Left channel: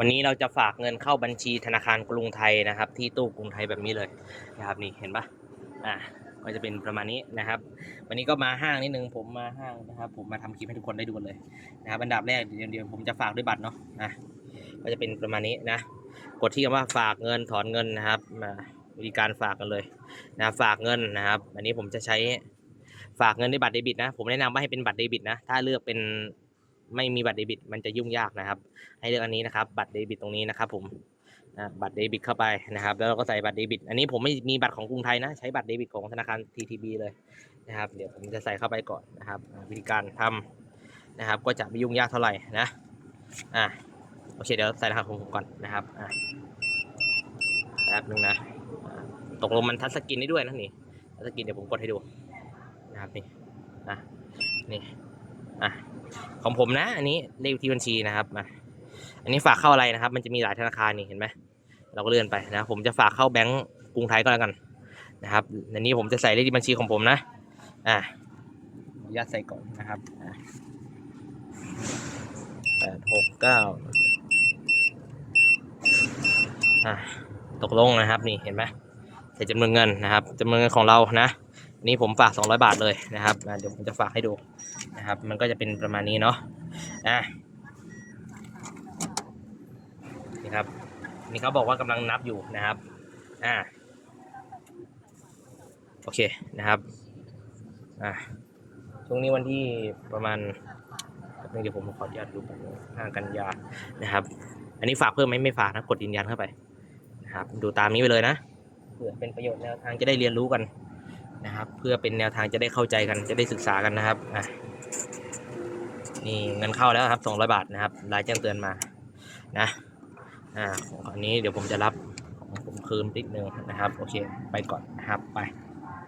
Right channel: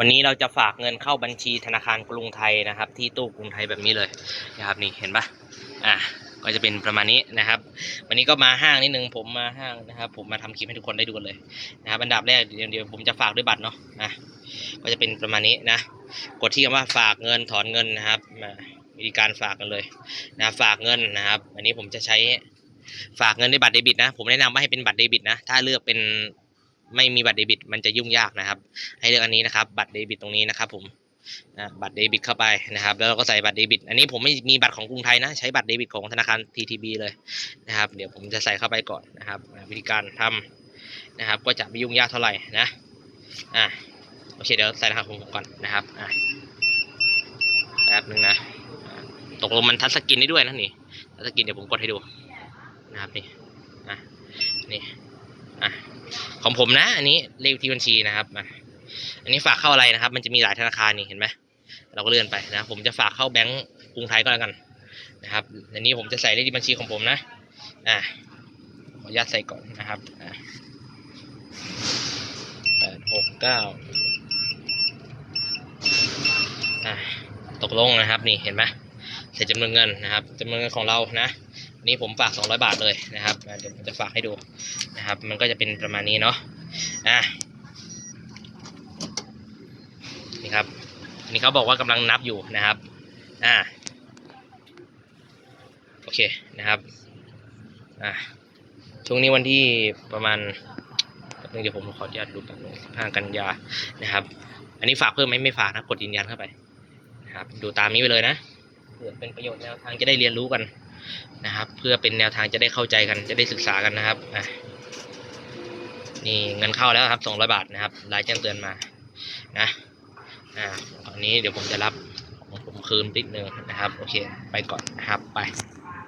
วันนี้เราจะฝากเงินเข้าบัญชีธนาคารกรุงไทยนะครับ ที่ตู้กรุงไทยแบบนี้เลยนะครับนี่เห็นปะอะก็จะเป็นประมาณนี้นะครับ วันนี้ก็มาห้างนิดนึงผมมาห้างนะครับ ผมมาทำคลิปให้ทุกคนได้ดูกันเลยนะครับอันดับแรกเดี๋ยวผมจะฝากด้วยบัตรเนาะนะก็จะเป็นประมาณนี้นะกดที่คำว่าฝากเงินถอนเงินนะครับมาวิธีการฝากกันเลยนะฝากเงินนะครับ อันนี้ผมจะใช้ฝากเงินด้วยบัตรเดบิตนะ ผมแนะนำว่าให้เป็นบัตรเดบิตนะ ถ้าเลือกเป็น ไม่มีบัตรเดบิต มันจะยุ่งยากนะครับ ให้เลือกอันนี้นะครับ บัตรเดบิตตรงนี้นะครับ ผมบัตรเดบิตเข้าไปนะครับ แล้วเราก็ใส่บัตรเดบิต อันนี้ผมไม่มีบัตรของกรุงไทยนะ ใช้บัตรเดบิตของธนาคาร TTB เลยนะครับ เดี๋ยวผมจะใส่เข้าไปก่อนนะครับ วิธีการทำนะครับ ก็จะไม่ยุ่งยากเท่าไหร่นะอ่าโอเคเดี๋ยวใส่รหัสของผมก่อนนะครับอ่าแป๊บนึงนะตกลงมันทัชสกรีนได้ด้วยนะนี่ทัชสกรีนเดี๋ยวผมกดให้ดูนะครับนี่อะนี่อะ ของผมนะ อันนี้เลขที่บัญชีนะครับอันนี้ฝากเข้าอะไรนะครับ มันจะมีหลายธนาคารนี่เห็นไหมเราก็เลื่อนไปนะ ผมจะฝากเข้าแบงก์กรุงไทยก็แล้วกันนะครับในนี้ผมจะใส่เลขที่บัญชีของผมนะอ่าขออนุญาตใส่ก่อนนะครับอ่าแปดหกเก้าตกลงนะครับนี่เห็นไหมใส่จำนวนเงินนะครับจำนวนเงินของเรานะ นี่ผมฝาก 200 บาทเลยนะครับเดี๋ยวผมจะฝากให้ดูนะครับ มันก็จะเป็นประมาณนี้เนาะอ่านี่ครับนี่เขาบอกว่ากำลังนับอยู่นะครับอ่าโอเคนะครับอ่าช่วงนี้วันที่ประมาณเดี๋ยวผมขออนุญาตดูแป๊บนึงห้ากันยานะครับ อันนี้ฝากเพิ่มไหมไม่ฝากนะกดยืนยันเข้าไปนะครับ ดูตามนี้ไปเลยนะเพื่อเป็นประโยชน์แนวทางจะได้เรียนรู้กัน นะครับ เพื่อเป็นแนวทางจะได้เข้าใจกันจะได้ศึกษากันนะครับนี่เงินเข้าแล้วครับสองร้อยบาทนะครับรายแจ้งเตือนมานะอ่าอันนี้เดี๋ยวผมจะรับของผมคืนนิดนึงนะครับ โอเค ไปก่อนนะครับไป